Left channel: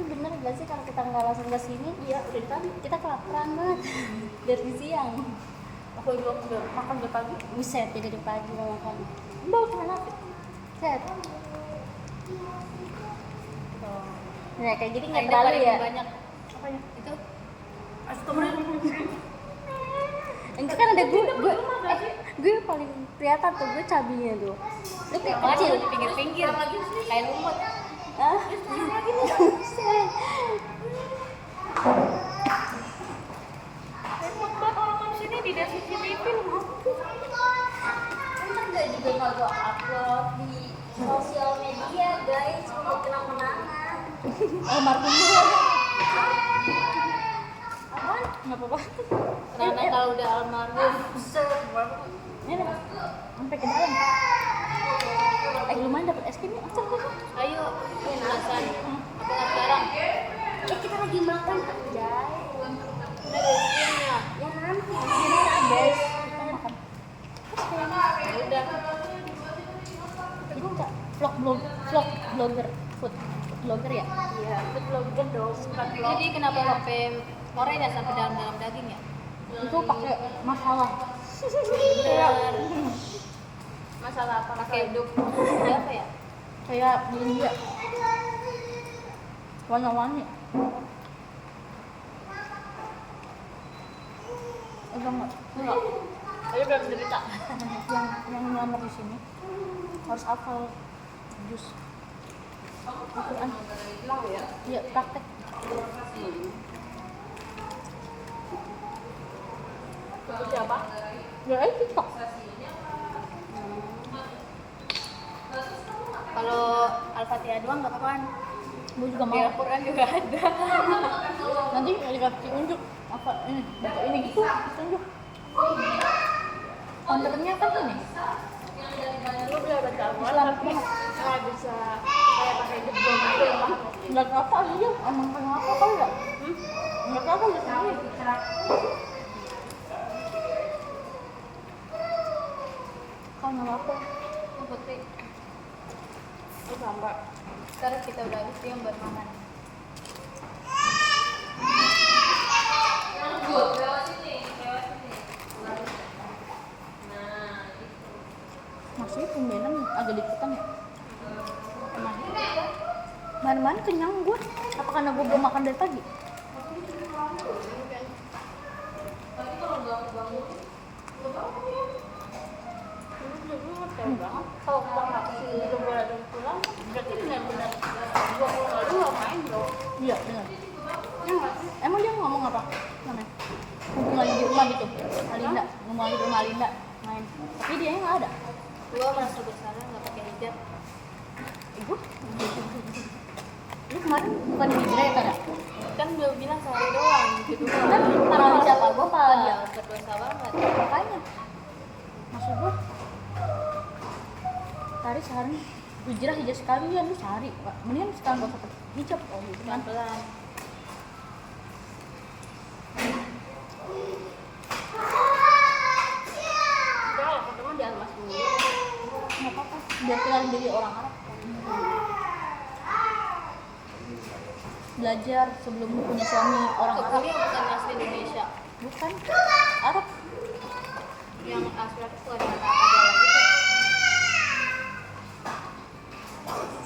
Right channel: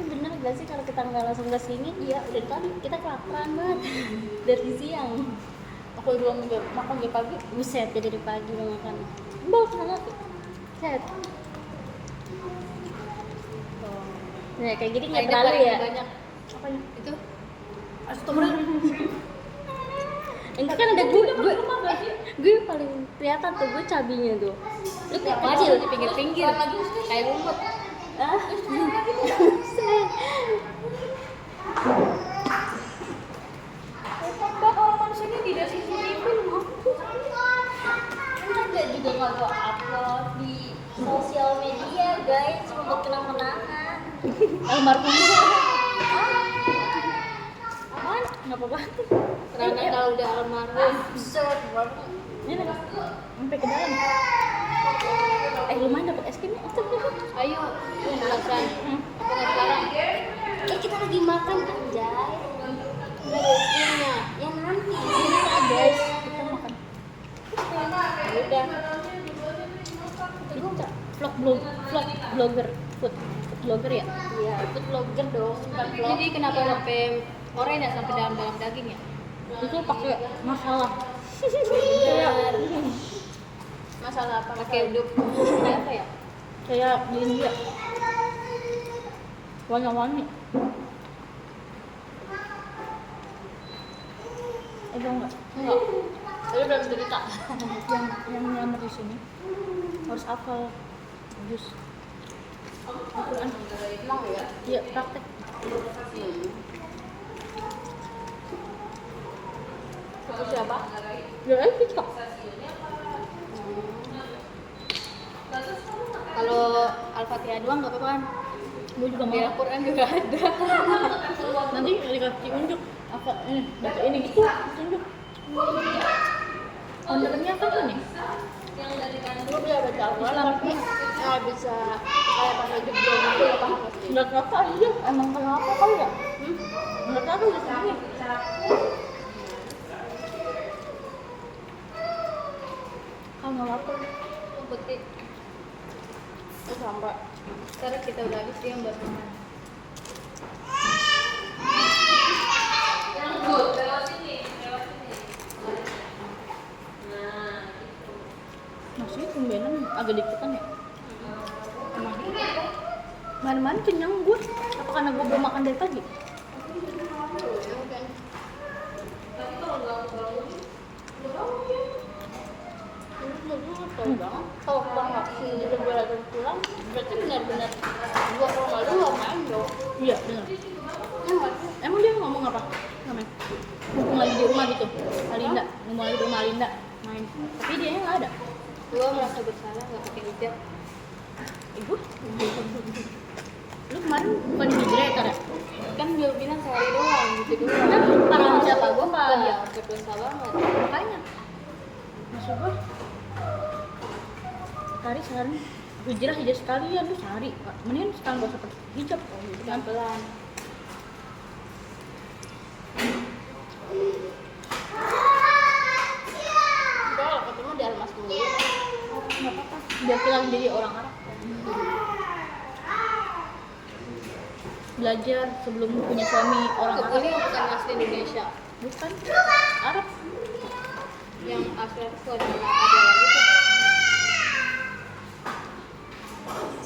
Tapi bener gak sih kalau kita nggak langsung ke sini, iya udah tadi kita kelaparan banget dari siang. Aku belum makan dari pagi, buset ya dari pagi mau makan. Bawa kemana tuh? Set. Ya kayak gini nggak terlalu ya. Banyak. Apanya? Itu. Astagfirullah. Ini kan ada gue paling kelihatan tuh gue cabinya tuh. Lu kecil Di pinggir-pinggir. Kayak lumut. Repot banget orang manusia ini di desa CCTV loh. Enggak juga nggak gue upload di sosial media guys untuk kenang-kenangan. Almarhum. Apaan? Nggak apa-apa. Karena kalau udah almarhum. Bisa berapa? Ini nih sampai ke dalam. Lumayan dapat es krimnya. Ayo, penasaran. Apa sekarang? Kita lagi makan anjay. Nggak ada istrinya. Ya nanti ini ada. Kita makan. Udah. Vlog blogger food blogger ya? Iya, food blogger dong, bukan vlog. Jadi kenapa pakai oranye sampai dalam daging ya? Itu pakai masalah. Kayak Masalah apa? pakai duk. Kayak apa ya? Kayak di India. Wangi-wangi. Enggak. Tapi belum cerita. yang nyamuk di sini harus hafal jus. Emang ya? Iya, praktek. Itu siapa? Ya, TikTok. Kalau Al-Fatihah doang nggak apa-apa kan? Gue juga Di mau. Al-Quran juga ada. Nanti dikasih unjuk apa ini baca ini gitu unjuk. Kontennya apa tuh nih? Gue bisa baca Al-Quran tapi nggak bisa kayak pakai jeblok gitu, nggak paham sih. Nggak apa aja, emang kenapa kali ya? Nggak apa di sini. Kamu apa? Putih. Oh sampai. Sekarang kita udah habis dia buat makan. Masih tumbenan agak dipetan ya? Mana-mana kenyang gue. Apa karena gue belum makan dari pagi? Tahu banget. Kalau banget si lebaran pulang, berarti benar-benar gua kalau nggak lu nggak main dong. Iya benar. Ya nggak sih? Emang dia ngomong apa? Namanya? Ngomong di rumah gitu. Alinda, ngomong di rumah Alinda main. Tapi dia nggak ada. Gua merasa bersalah nggak pakai hijab. Ibu? Lu kemarin bukan di hijrah ya? Kan dia bilang sehari doang gitu doang. Kan orang siapa gua Kan ya pak? berdosa banget. Makanya. Maksud gua Kari sehari hijrah sekalian lu sehari. Mendingan sekarang gak usah pakai hijab. Oh gitu kan. Pelan-pelan. Udah kalau ketemu di Almas dulu. Nggak apa-apa. Biar kita menjadi orang Arab. Belajar sebelum punya suami orang Arab. Ini bukan asli Indonesia. Bukan Arab. Yang asli itu ada lagi tuh.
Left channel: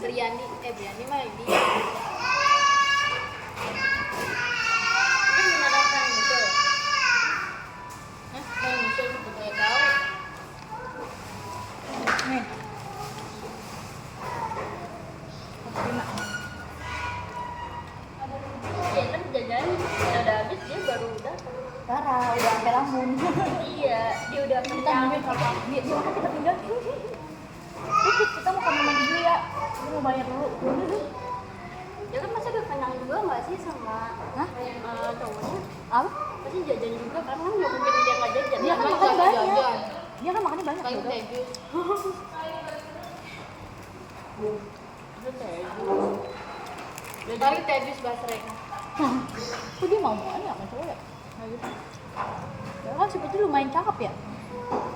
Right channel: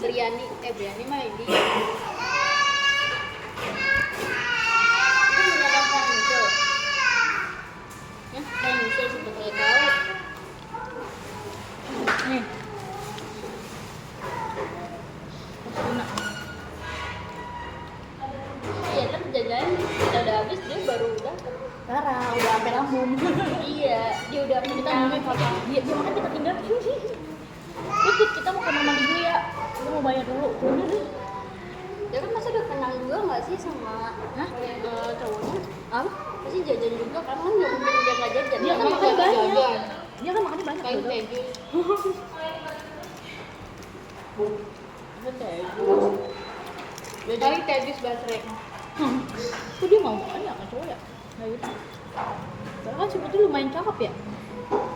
Briani mah dia. Itu beneran kan itu. Bang Michel sebetulnya tahu. Cina. Iya kan jajan kita udah habis dia baru udah parah udah sampai lambung. Iya dia udah kenyang apa dia mana kita tinggal dikit kita mau kamar mandi dulu ya lu mau bayar dulu udah deh ya kan masa udah kenyang juga nggak sih sama cowoknya apa pasti jajan juga kan nggak mungkin dia nggak jajan Dia kan makan banyak. dia kan makannya banyak Kayak juga. teh jus. Itu teh jus. Kali teh jus basrek. Kok dia mau banyak kan cowok ya? Nggak gitu. Ya kan si Putri lumayan cakep ya?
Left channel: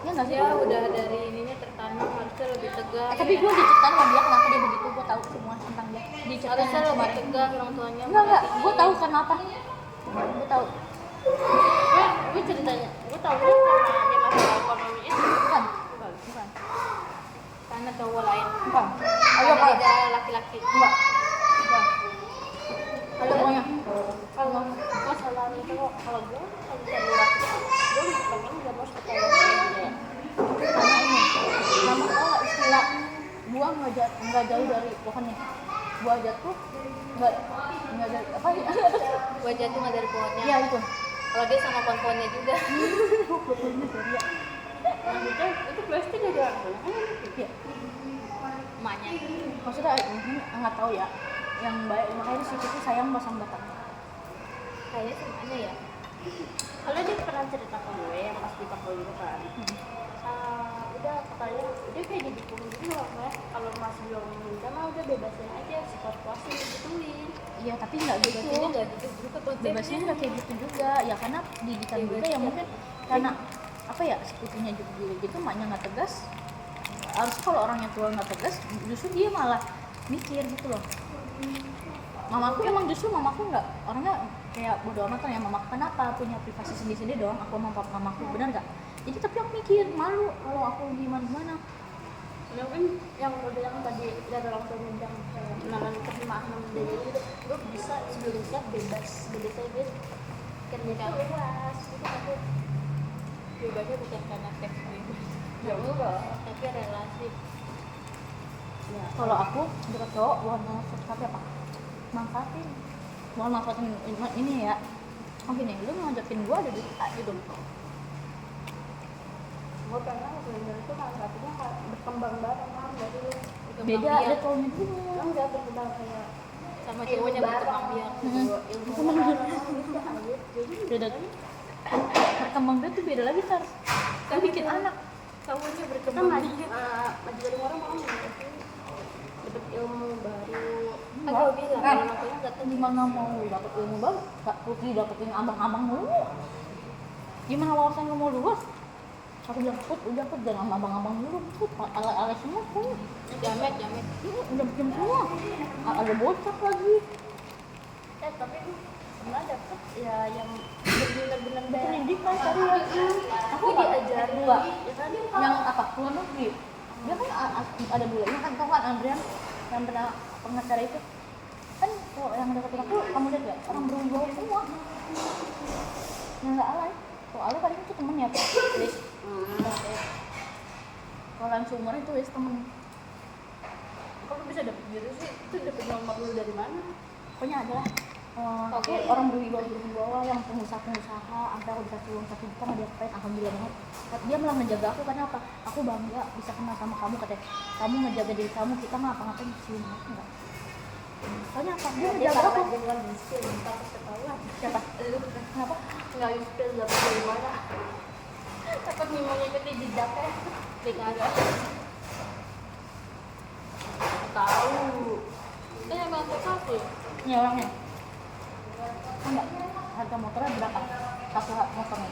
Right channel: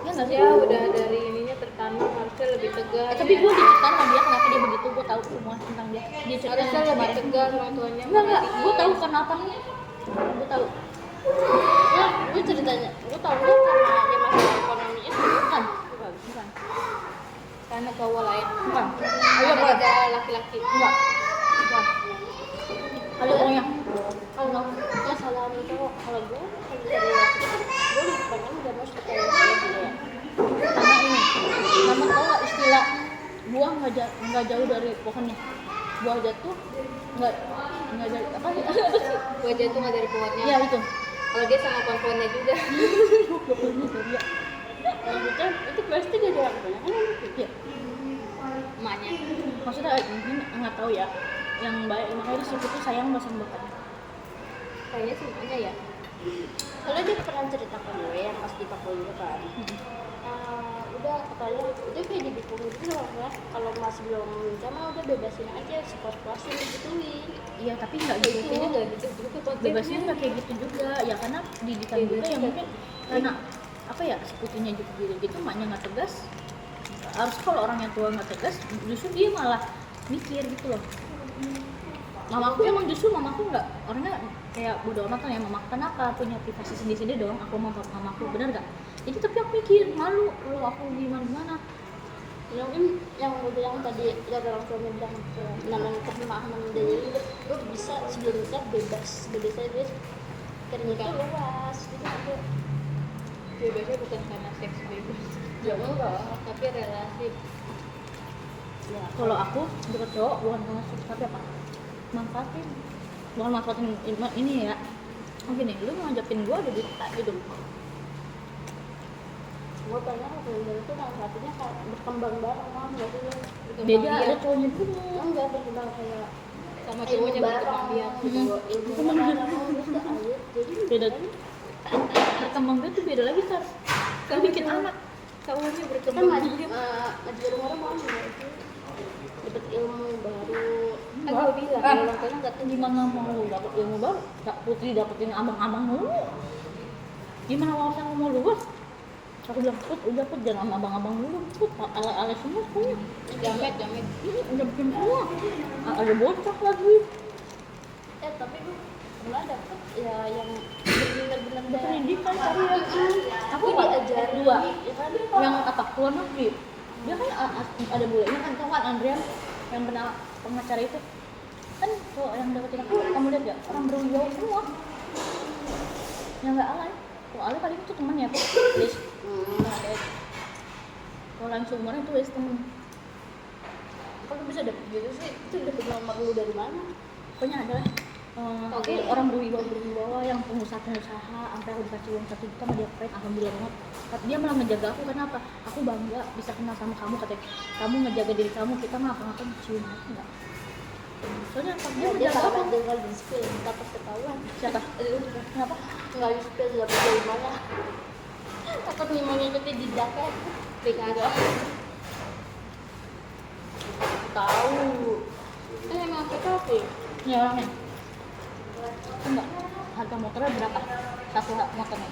Ya nggak sih? Dia udah dari ininya tertanam harus harusnya lebih tegas. Tapi gue diceritain sama dia kenapa dia begitu, gue tahu semua tentang dia. Diceritain harusnya lebih kemarin. tegas orang tuanya. Enggak, gue tahu kenapa. Gue tahu. gue ceritanya gue tahu karena ya masalah ekonomi itu Bukan. Karena cowok lain. Bukan. Ayo ada laki-laki. Enggak. Ayo pokoknya. kalau masalah itu kalau gue kalau dari laki gue lebih pengen gak mau percaya sama dia Karena ini. Kamu tahu nggak istilah buah nggak jauh dari pohonnya. Buah jatuh nggak dari apa ya? Gua jatuh nggak dari pohonnya. Iya itu. Kalau dia sama pohon-pohonnya juga. Pohonnya dari ya. maksudnya itu pasti gak ada orang banyak kan Iya. Emaknya. Maksudnya mungkin nggak tahu ya. Yang baik makanya suku itu sayang sama bapak. Kayaknya sih emaknya ya. kalau dia pernah cerita ke gue yang pas di Papua juga kan udah katanya udah kayak didukung gitu loh kan kalau masih belum menikah mah udah bebasin aja sepuas-puasin gituin. Iya tapi nggak gitu. Ini nggak gitu juga konsepnya. Bebasnya nggak kayak gitu juga ya karena didikan juga yang mungkin karena apa ya sepupunya juga gitu maknya nggak tegas. Harus kalau orang yang tua nggak tegas justru dia malah mikir gitu loh. Mamaku emang justru mamaku nggak orangnya kayak bodo amat lah ya mamaku kenapa punya privasi sendiri-sendiri dong aku mau mamaku benar nggak jadi tapi aku mikir malu kalau aku gimana Mungkin yang gue bilang tadi ya orang tua bilang namanya pemahaman dari lu bisa sebelum nikah bebas aja karena itu luas gitu tapi Bebasnya bukan karena seks bebas. ya enggak Tapi relasi. ya kalau aku deket cowok bukan sama seks tapi apa manfaatin bukan manfaatin ini ya gini lu ngajakin gua ada gitu gue pernah bener-bener tuh manfaatnya kayak berkembang bareng kan nggak sih lu beda ada cowoknya punya enggak berkembang kayak Sama ilmu cowoknya bareng berkembang biak. gitu ilmu bareng gitu aja jadi beda berkembang itu beda lagi tar kan bikin anak Cowoknya kan berkembang maju biak. maju dari orang mau nggak sih dapat ilmu baru Kan gue bilang orang tuanya nggak tahu. gimana mau dapet ilmu baru Kak Putri dapetin abang-abang dulu gimana wawasan mau luas aku bilang udah jangan abang-abang dulu ala-ala semua punya Jamet. udah bikin semua ada bocah lagi tapi gue pernah dapet ya yang benar-benar pendidikan tadi ya aku diajarin dua ya kan yang apa luar negeri dia kan ada bule ini kan tau kan Andrian yang pernah pengacara itu kan tuh yang deketin aku kamu lihat ya orang berwibawa semua yang nggak alay kalau alay kali itu temennya tuh Wis kalau yang seumuran itu Wis temen kalau bisa dapet gitu sih itu dapet nomor lu dari mana pokoknya ada aku orang berwibawa yang pengusaha sampai aku dikasih uang 1 juta dia keren alhamdulillah banget dia malah menjaga aku karena apa aku bangga bisa kenal sama kamu katanya kamu ngejaga diri kamu kita ngapa-ngapain cium enggak soalnya apa dia dia menjaga kalau aku tinggal di spill takut ketahuan siapa lu kenapa nggak di spill dapet dari mana takut nih mengikuti jejaknya Enggak. tahu Emang PKP. ini orangnya enggak harga motornya berapa satu motornya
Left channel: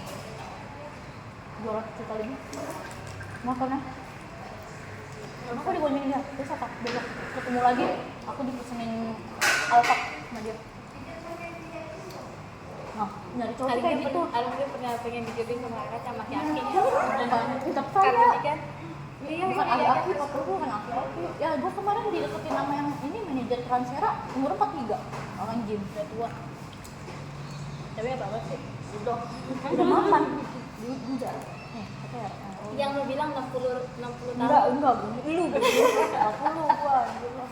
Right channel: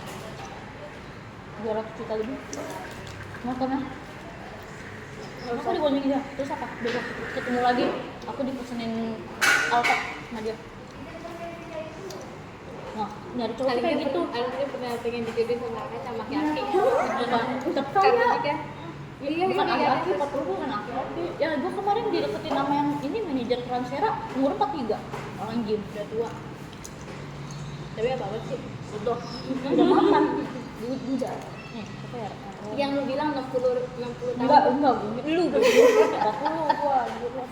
200 juta lebih motornya aku diboncengin dia terus apa besok ketemu lagi aku dipesenin Alphard sama dia nah nyari cowok tuh kayak gitu Alvin pernah pengen dijodohin sama kakak sama laki-laki. tetep Karena kaya nikah. Iya, bukan iya. aki-aki 40 bukan aki-aki ya gue kemarin dideketin sama yang ini manajer Transfera umur 43 orang gym udah tua Tapi apa sih? itu udah mapan udah nih KPR Yang lu bilang 60 tahun. enggak lu 40 gua anjir lah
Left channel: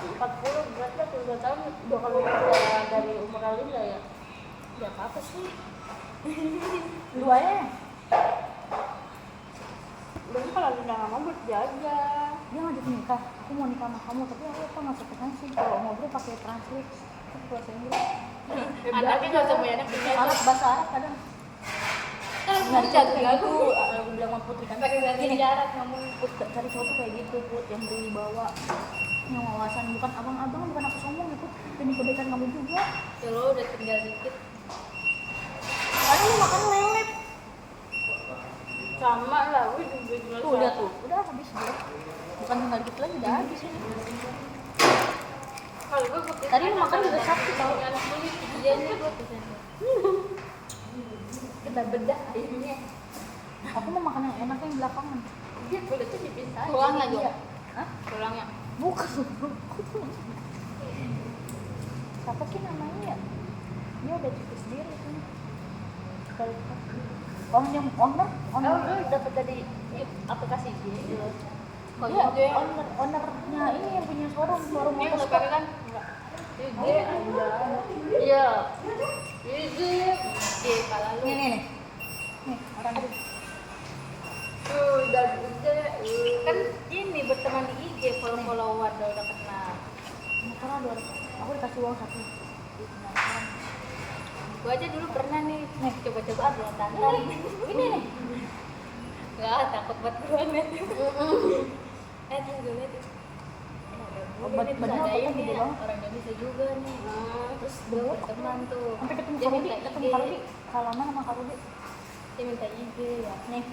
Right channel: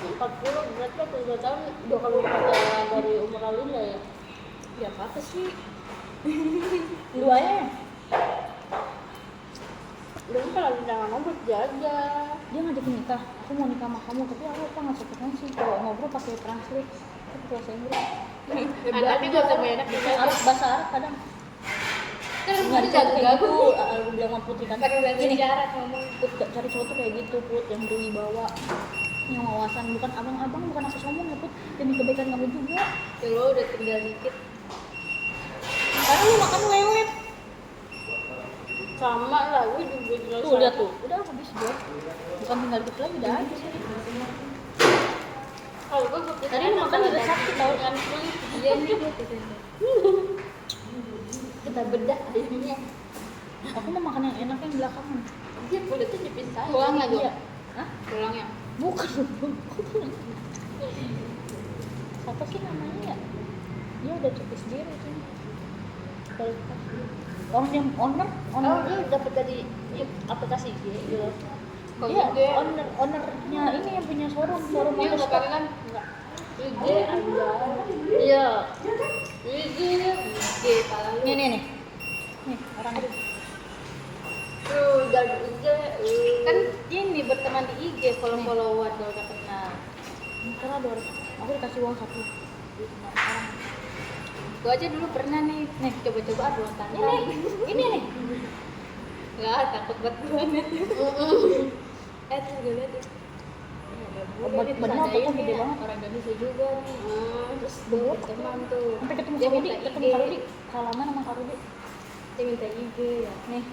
40 berarti 2 tahun 2 kali lipat dari umur Alinda ya ya apa sih lu aja berarti kalau Alinda nggak mau berjajah dia ngajak nikah aku mau nikah sama kamu tapi aku nggak frekuensi kalau ngobrol pakai translate aku bahasa Inggris Anaknya juga sama enak harus bahasa Arab kadang nggak Kan cari kayak gitu aku bilang sama Putri kan pakai bahasa gini isyarat ngomong. Put, cari cowok tuh kayak gitu Put yang berwibawa yang wawasan bukan abang-abang bukan aku sombong ya Put demi kebaikan kamu juga Ya lo udah tinggal dikit. karena lu makan lelet sama lah, gue juga jelas. Tuh lihat tuh, udah habis gue. Bukan tinggal dikit lagi udah habis. Kalau gue Tadi lu makan juga sakit tau. kan kulit. Iya nih gue pesen. Kita bedah ayamnya. Aku mau makan yang enak yang belakangan. Dia kulitnya dipisahin. Pulang aja. Iya. Hah? Pulang ya. Bukan. Siapa sih namanya ya? Dia udah cukup sendiri kan. Orang yang owner. Oh, lu dapat dari aplikasi IG gitu. Iya, ownernya ini yang punya showroom Ini nggak motor. pakai kan? Enggak. IG aja. Iya. IG pala lu. Nih. Nih, orang Dan IG Kan ini berteman di IG, follower udah kenal. karena ada orang. Aku dikasih uang 1. Gue aja dulu pernah nih coba-coba buat tanda. Ini nih. Nggak, takut buat banget. Tuh gue liat tuh. Obat badan apa gede banget. Orang Indonesia juga nih. Terus Berteman tuh. sampai ketemu Dia Karudi, minta ketemu IG. Karudi. Salaman sama Karudi. Dia minta IG ya. Nih.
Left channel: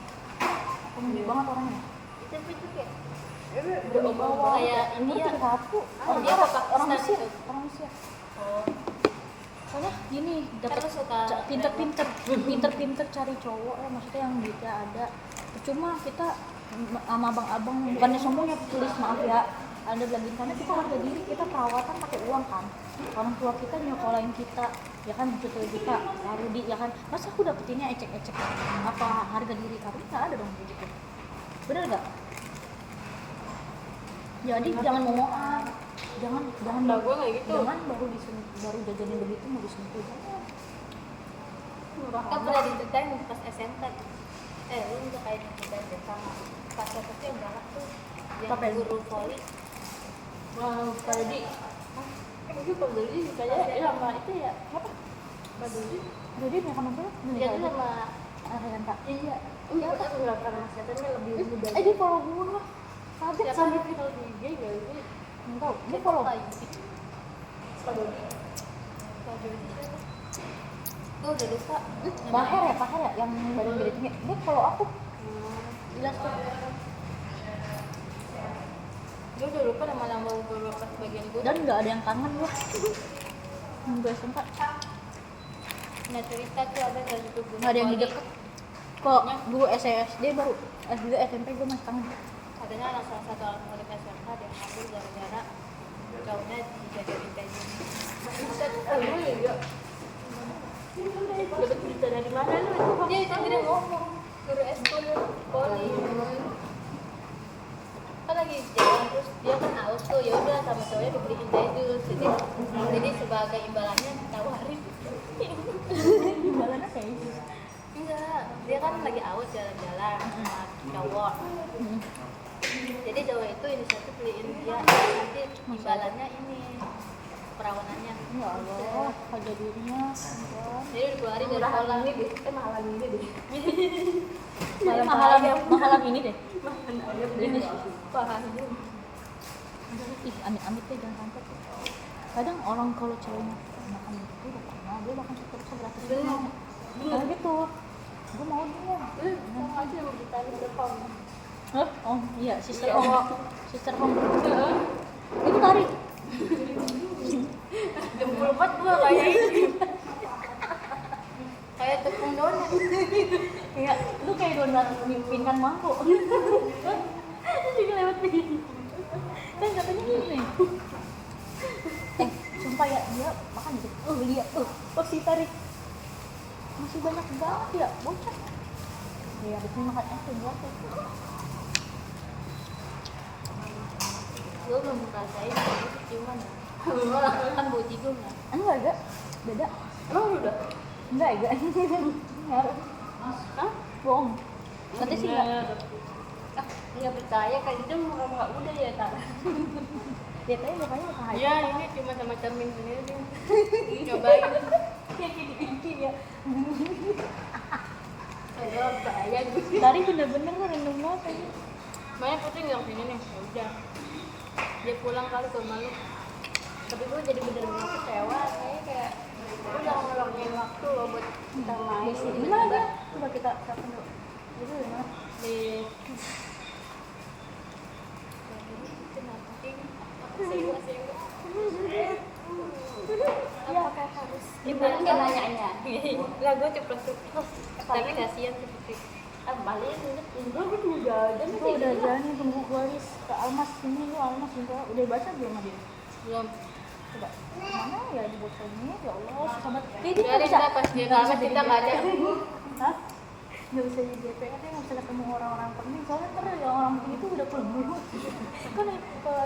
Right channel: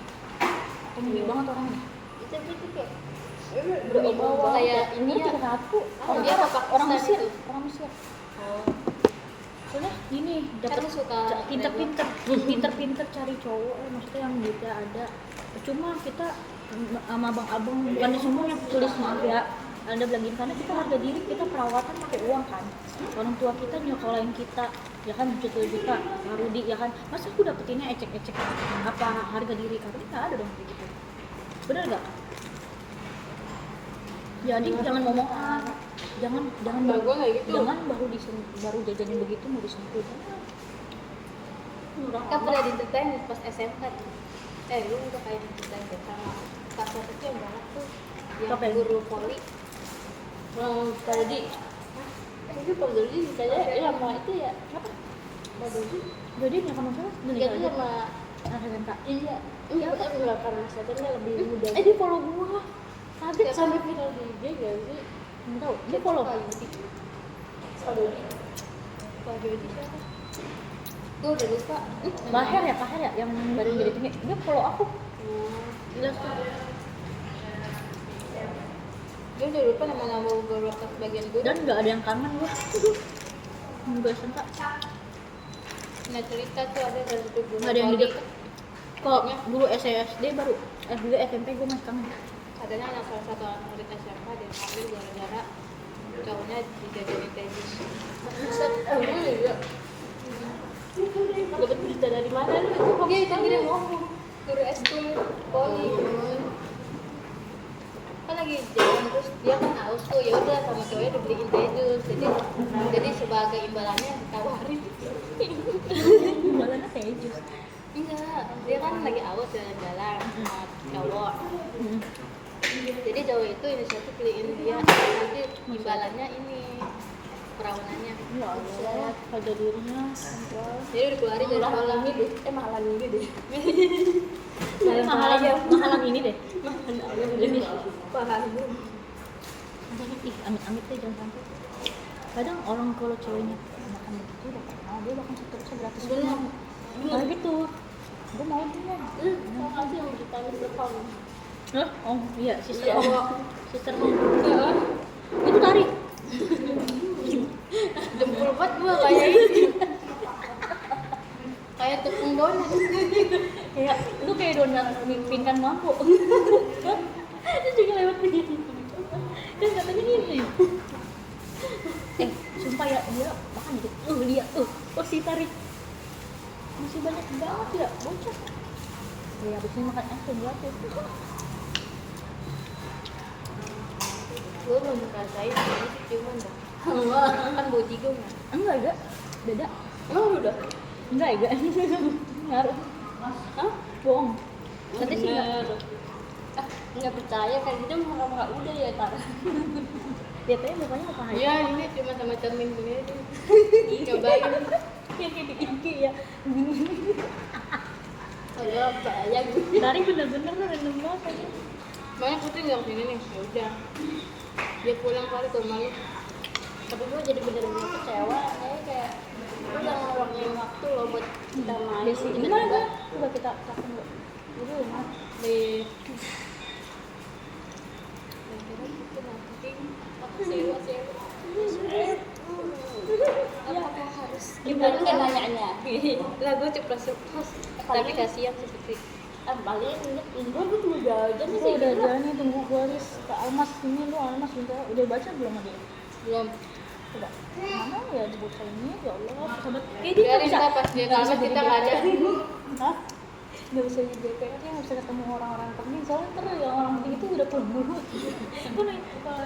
Aku gede banget orangnya. itu kayak Udah omong kayak ini ya. Aku. Dia apa Orang Pakistan Mesir. itu? Orang Mesir. Oh, Soalnya gini, dapat karena suka pinter-pinter cari cowok maksudnya yang duitnya ada. Cuma kita sama abang-abang bukannya sombong ya, tulis maaf ya. Anda bilang karena kita harga diri, kita perawatan pakai uang kan. Orang tua kita nyokolain kita, ya kan juta-juta Karudi ya kan. Masa aku dapetinnya ecek-ecek apa harga diri Karudi nggak ada dong gitu. Bener nggak? Jadi jangan ngomong jangan Mbak gua kayak gitu. jangan baru jajanin begitu mau disentuh. Murah Kan amat. pernah diceritain pas SMK. Lu untuk kayak diceritain deh sama pas satu tuh yang galak tuh, yang Siapa yang? guru voli. Pak Dodi. Itu Pak Dodi kayaknya sama itu ya. Apa? Pak Dodi. Jadi yang kamu tahu Dia tuh sama Kak. iya. Enggak karena setannya lebih muda. Dia follow gua. Kaget sampai viral di IG gak sih? Nggak tahu. Dia follow. Pak Dodi. Pak Jody siapa? Gue udah lupa. Paher ya yang badan gede tinggi. Dia follow aku. Jelas tuh. Gue udah lupa nama-nama beberapa bagian gue. Dan nggak ada yang kangen gua. Enggak sempat. Nah cerita tuh ada dari itu guru Nggak ada yang voli. di deket. Kok dulu SD baru SD SMP gua masih kangen. Adanya anak salah satu anak murid SMK dia ngambil gara-gara cowoknya dijajarin kayak gini. Emang iya. Dapat berita dari mana lu itu? Dia itu gini ngomong guru eskul voli. Kan lagi jalan terus dia kan haus tuh, ya udah sama cowoknya dibeliin teh jus. Jadi sebagai imbalannya ditawarin. Jualannya kayak jus. Enggak, dia kan lagi haus jalan-jalan sama cowok. Jadi cowok itu inisiatif beliin dia, nanti imbalannya ini perawanannya. Ya Allah, harga dirinya. Jadi udah keluarin dari sekolah. Mahalan ini deh. Mahalan ini deh. Mahalan ini deh. Mahalan ayam deh. Paham. Ih, amit-amit deh jangan sampai. Kadang orang kalau ceweknya makan gitu udah pernah dia bahkan satu gratis. Bener. Kayak gitu. Gue mau dia. Mau aja yang bervitamin B-kom. Hah? Oh iya, sister Iya. Hong. Sister Hong. Itu tarik. Dempul banget gua kayak ini. Kayak tepung donat. Kayak lu kayak donat pingkan mangkok. Itu juga lewat begini. Kan katanya gini. Sumpah ya dia makan gitu. Lihat oh si tarik. Masih banyak banget ya, bocah. Ya habis ini makan es krim gratis. Gua belum ngerasain ini ciuman dong. Kan bau jigo nggak? Enggak ada. Beda. Emang lu udah? Enggak ya, ngaruh. Hah? Bohong. Nanti sih Bener. enggak. Nggak percaya kayak gitu muka-muka udah ya Tar. Dia tanya mukanya muka haji. Iya, ini cuma sama cermin gini aja. Cobain. Yang kayak di Inki ya. Enggak bayang. Dari bener-bener lu random banget aja. Banyak kucing yang sini nih, ya udah. Dia pulang kali ke malu. Tapi gue jadi bener-bener kecewa kayak gue udah ngeluangin waktu loh buat kita main Gimana enggak? Coba kita telepon dulu. Jadi enak. di itu nanti aku sewa Apakah harus Gimana kan nanyanya? lagu ceplos tapi kasihan seperti Paling Indro gue cuma jajan Gue sih. udah jalan tunggu gue list ke Almas ini lu Almas minta udah baca belum dia? belum Coba mana ya di buku ini ya Allah sahabat biarin kita pas dia nggak bisa kalah jadi kita nggak ada Hah? Nggak bisa jadi DPR nggak bisa ketemu orang-orang penting soalnya ntar yang orang penting itu udah pulang dulu kan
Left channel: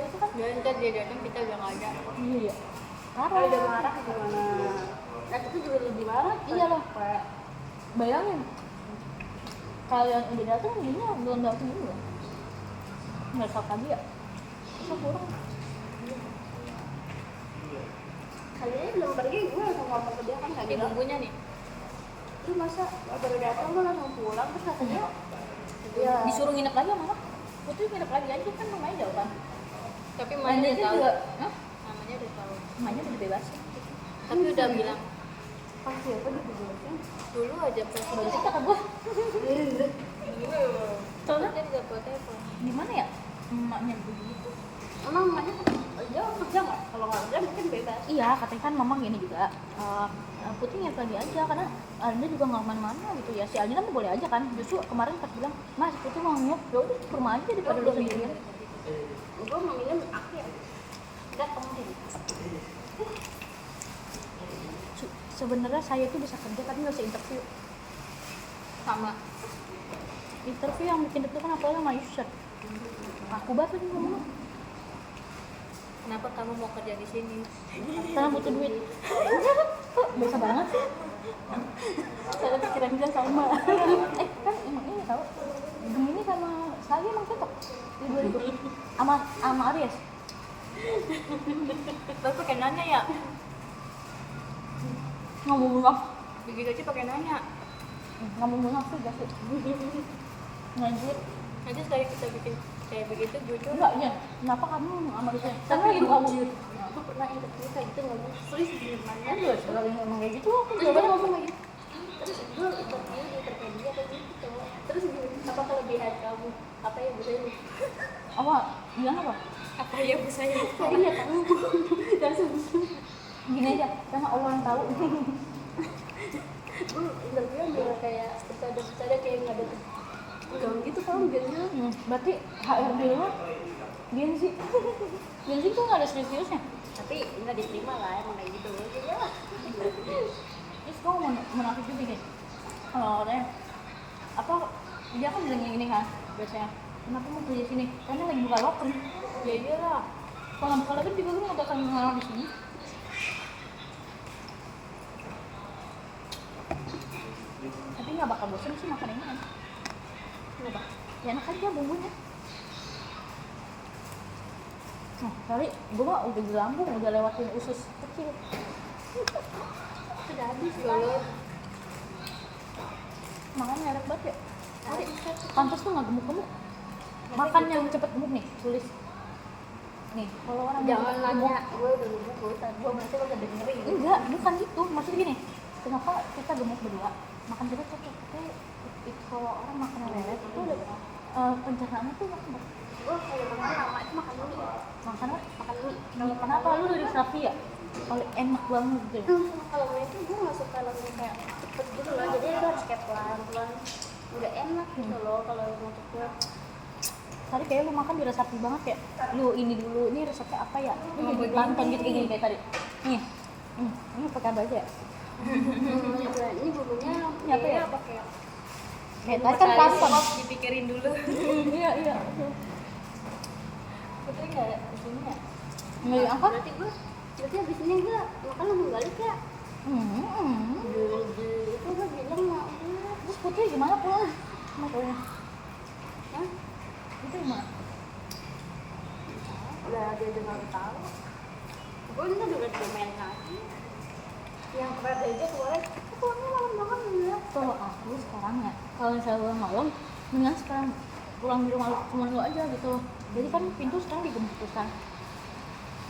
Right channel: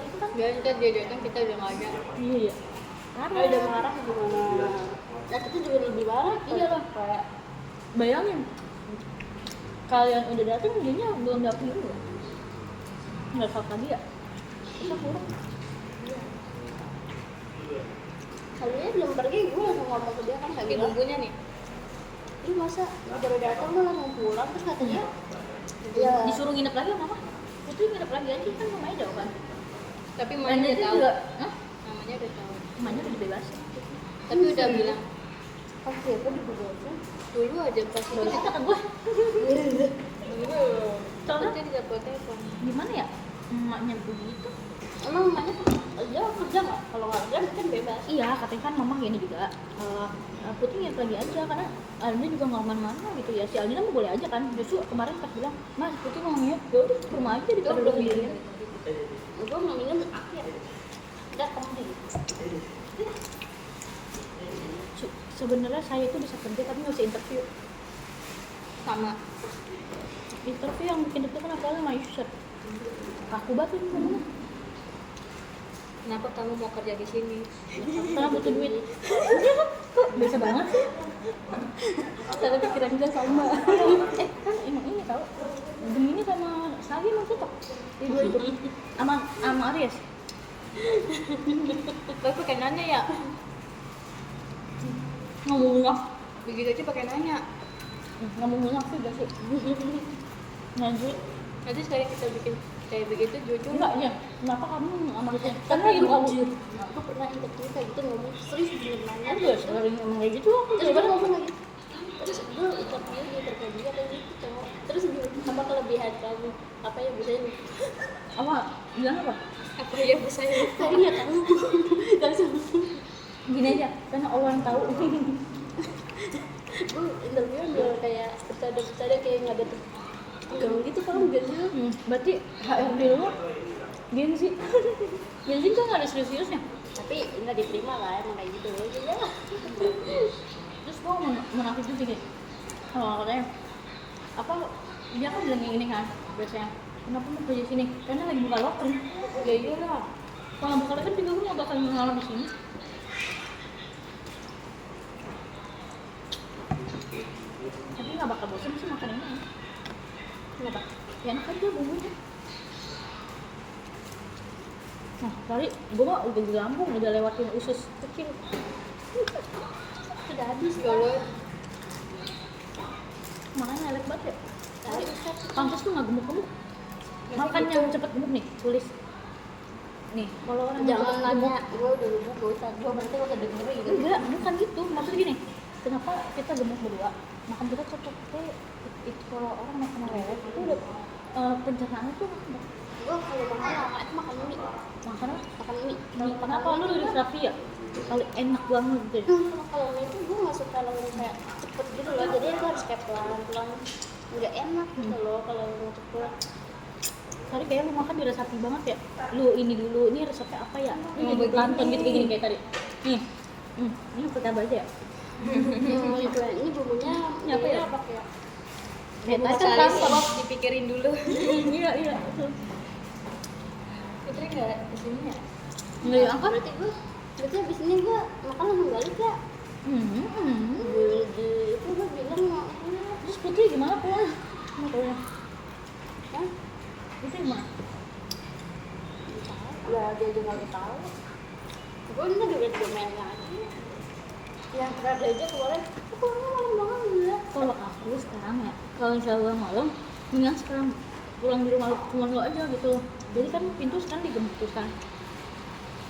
itu kan biarin ntar dia datang kita udah nggak ada iya ya Kalau udah marah gimana? Nah itu juga lebih marah. iya loh kayak bayangin kalian udah datang dianya belum datang dulu nggak fakta dia itu kurang Kalian belum pergi, gue langsung ngomong ke dia kan kayak di gitu. bumbunya nih Lu masa baru datang lu langsung pulang terus kata dia, ya disuruh nginep lagi sama apa? Putri nginep lagi aja kan rumahnya jauh kan tapi Mainnya mamanya udah aja tahu juga hah? mamanya udah tahu Rumahnya udah dibebasin tapi udah bilang oh siapa dibebasin? dulu aja pas baru cerita ke gue soalnya dia tidak poteto gimana ya emaknya begitu Emang emaknya dia kerja nggak? Kalau nggak kerja mungkin bebas. iya katanya kan mama gini juga Putri nginep lagi aja karena Alina juga nggak kemana-mana gitu ya si Alina tuh boleh aja kan justru kemarin pas bilang mas Putri mau nginep ya udah ke rumah aja daripada belum lu sendiri Gue mau minum akhir. Udah penting. Sebenarnya saya itu bisa kerja tapi nggak bisa interview sama interview yang bikin deg-degan apalagi sama Yusuf aku banget nih ngomong kenapa kamu mau kerja di sini karena butuh duit biasa banget sih cara pikiran kita sama kan emang ini tau Gemini sama Sagi emang cocok itu sama Aries tapi pakai nanya ya ngomong begitu aja pakai nanya ngomong sih gak sih nyanyi nanti sekali kita bikin kayak begitu jujur enggak ya kenapa kamu sama Aries Tapi ibu kamu gue pernah interview kayak gitu ngomong serius bener nanya. kan juga sering ngomong kayak gitu aku Terus gue ngomong lagi. Terus gue interview di terkait dia kayak gitu cowok. Terus dia apa kelebihan kamu? Apa yang bisa lu? apa bilang apa apa yang bisa ya Saya nggak tahu. Langsung gini aja karena Allah yang tahu gue interview ambil kayak bercanda kayak nggak ada tegang gitu kalau biasanya. berarti HRD lo gengsi gengsi kan nggak ada serius-seriusnya Tapi nggak diterima lah emang kayak gitu. Ya lah. terus gue mau menafik juga deh kalau katanya apa dia kan bilang yang ini kan biasanya kenapa mau kerja sini karena lagi buka loker ya iyalah kalau buka loker juga gue nggak bakal mengalah di sini tapi nggak bakal bosan sih makan ini kenapa ya enak aja bumbunya nah kali gue mah udah di lambung udah lewatin usus kecil Sudah habis kalau makan lewat banget ya Habis kan. pantas tuh nggak gemuk-gemuk makan yang cepet gemuk nih tulis nih kalau orang yang Jangan cepet nanya, gemuk- gue udah lupa, gue berarti lo gak dengerin gitu. enggak bukan gitu maksudnya gini kenapa kita gemuk berdua makan kita cocok tapi itu kalau orang makan lele itu udah pencernaannya tuh makan Gue kalau makan lama itu makan mie. makan apa? Makan mie. Kalau kenapa lu dari Raffi ya? Paling enak banget gitu ya. Kalau mie itu gue gak suka langsung kayak cepet gitu loh. Jadi itu harus kayak pelan-pelan. Nggak enak gitu loh kalau untuk gue. Tadi kayak lu makan di resapi banget ya. Lu ini dulu, ini resepnya apa ya? Ini jadi begini. pelan gitu kayak gini kayak tadi. Nih. Ini pakai apa aja ya? Itu ini bumbunya Ini apa ya? pakai Ya, bumbu tadi kan masalis. pasang. dipikirin dulu Iya. itu nggak ada isinya Nggak diangkat? Berarti abis ini gue makan langsung balik ya. Hmm. Itu gue bilang mau Terus Putri gimana pulang? Pulangnya? Hah? Itu gimana? Lah dia juga nggak tahu. Gue ini juga domain lagi. Yang kemarin aja kemarin, aku pulangnya malam banget dulu. Kalau aku sekarang ya, kalau misalnya pulang malam, mendingan sekarang pulang di rumah cuma lu aja gitu. Jadi kan pintu sekarang digembok kan.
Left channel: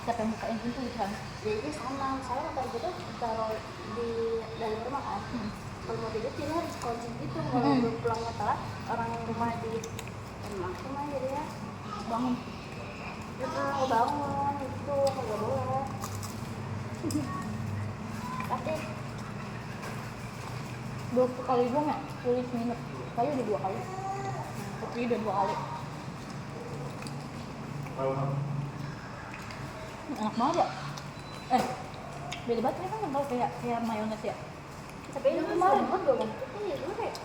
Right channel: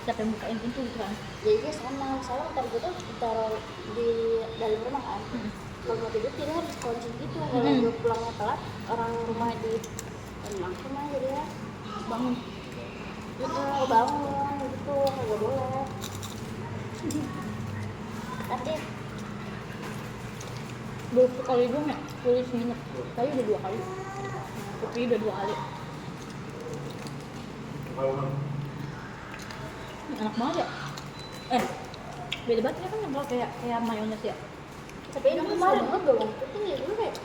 Siapa yang bukain pintu gitu kan? Jadi sama, soalnya motor gue tuh ditaruh di dalam rumah kan. kalau mau tidur jadi harus kunci gitu. Kalau gue pulangnya telat, orang rumah di rumah mah jadi ya bangun. bangun gitu, kagak boleh. Tapi Dua kali doang ya, tulis nginep. Saya udah 2 kali. Putri udah 2 kali. Ini enak banget ya. Beda banget ya kan yang kalau kayak mayones ya. tapi ini kemarin banget bawang putih ya dulu kayak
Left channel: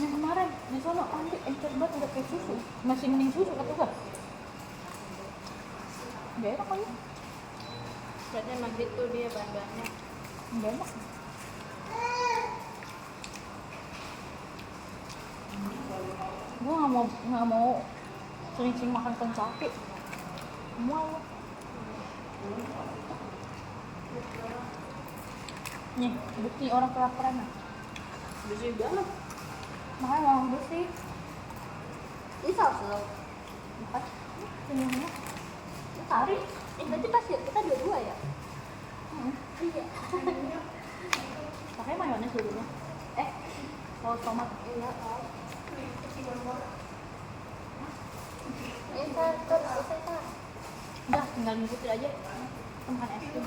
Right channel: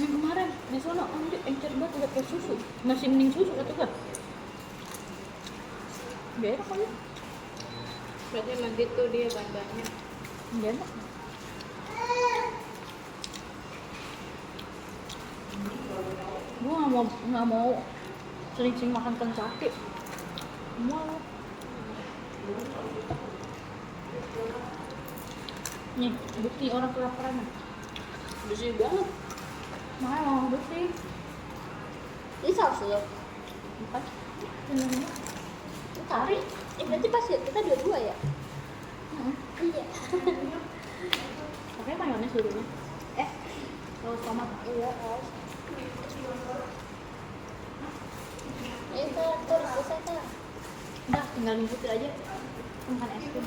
Yang kemarin di sana ambil encer banget udah kayak susu. Masih mending susu kata gua. Gak enak kali. Berarti emang gitu dia bahannya. Gak enak. Gue nggak mau sering-sering makan ikan sakit. Mau. Nih, bukti orang kelaparan. bersih banget. Makanya mau bersih. Ini saus lo. Empat. Ini Kari. Berarti pas ya kita dua-dua ya? Iya. pakai mayones dulu. Saus tomat. Iya, saus. Terus selesai tak? Udah, tinggal ngikutin aja. Makan es krim.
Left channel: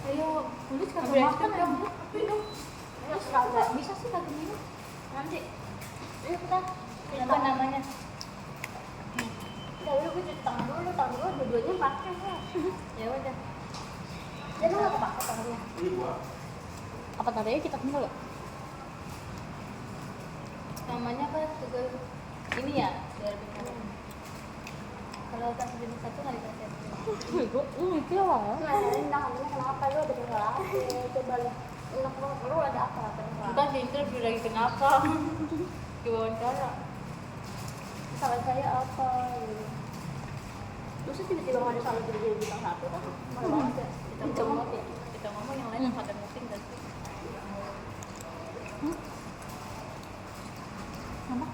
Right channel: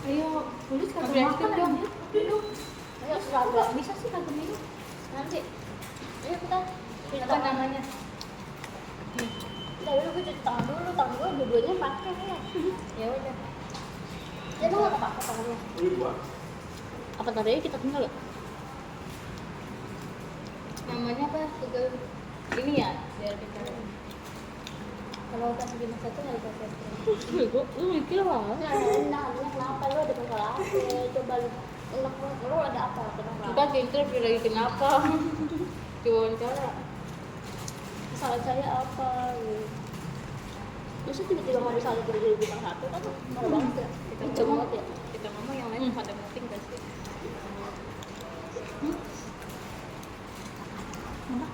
Ayo, tulis kan Ambil es krim dong. Ayo, seragam. Bisa sih kagak minum. Nanti. Ayo kita. Cuci Apa tangan. namanya? Udah dulu gue cuci tangan dulu. Tangan gue dua-duanya pakai ya. Ya udah. Ya lu nggak pakai tangannya. Apa tadinya kita tinggal ya? Namanya apa? Juga ini ya, biar betul. Kalau pas di masa itu nggak dipakai. Gue lu mikir lah. Nah, tangannya kenapa? Lu ada masalah apa? Coba lu. Lu ada apa? Kenapa? Bukan di interview lagi kenapa? Diwawancara. Salah saya apa? Gitu. Terus tiba-tiba nggak ada salah tiba-tiba bintang 1 kan marah banget ya. Kita ngomong ya. Kita ngomong yang lain pada mungkin gak sih? Mana?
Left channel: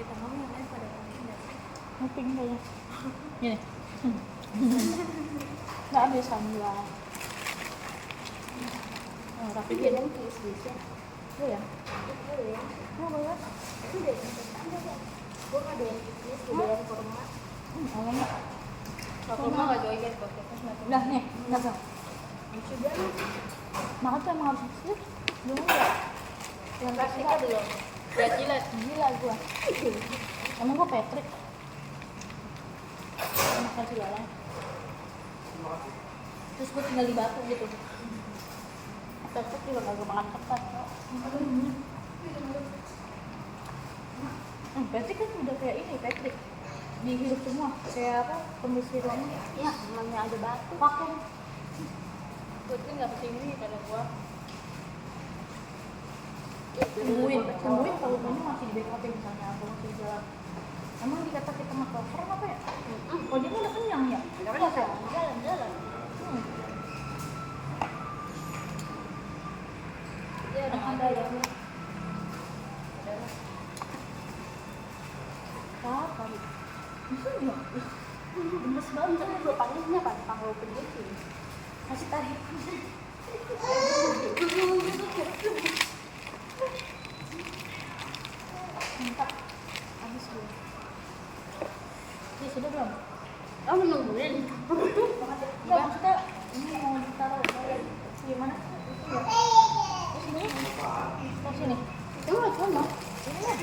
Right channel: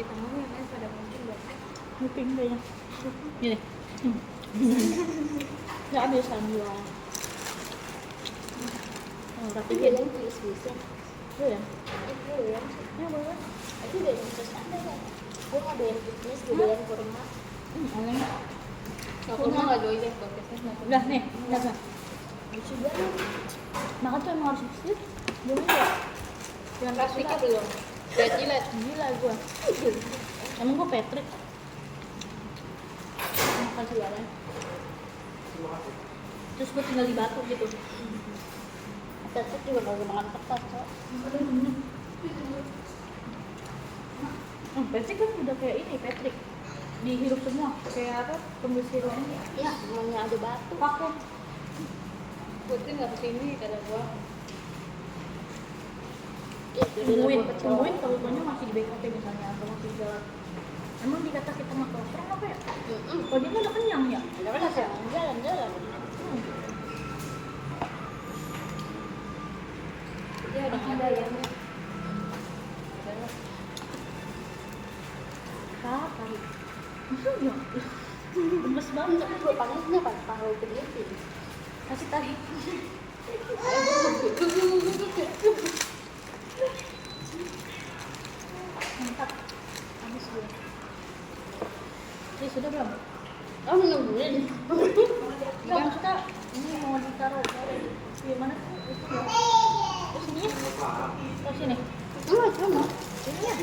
Kita ngomong yang lain pada mungkin gak sih? Nguping kayaknya. Gini. Nggak bisa bilang. Oh, Tapi tapi dia yang kis-kisnya. gue ya. Itu ya. Ya boleh. Itu dia yang kis ada kan. Gue nggak ada yang kis, gue ada yang kurma. Enak. Kalau rumah nggak jauh ya, dokternya nanti. Udah nih, udah. Lucu banget. Makan tuh emang harus bersih. Belum ya. Yang Plastiknya belum. Lihat jilat. gila gua. Emang gua Patrick. Makasih ya, Bang. Terus gua tinggal di batu gitu. Tetep juga nggak makan ketat kok. Patrick kan udah kayak ini, Patrick. Dihirup semua, kayak apa? Pembesar ruangan. Ya, namanya ada batu. Vakum. Putri nggak kesini kata gua. Tungguin kalau punya masih di BKT misalnya atau masih jualan. Emang dikata kita makan keren apa ya? Oh dia udah kenyang ya? Udah kan jalan-jalan. Dia udah nggak ada ya. Kali. Maksudnya? Gemes banget. Tapi gue panasnya apa? Tahu begitu. Kasih tahu. Mantap. Habis gue. Ini sudah belum? Oh nungguin. Enggak, maksudnya ini mau ditaruh di mana? Di sini? Di sini? Enggak sama. Ini.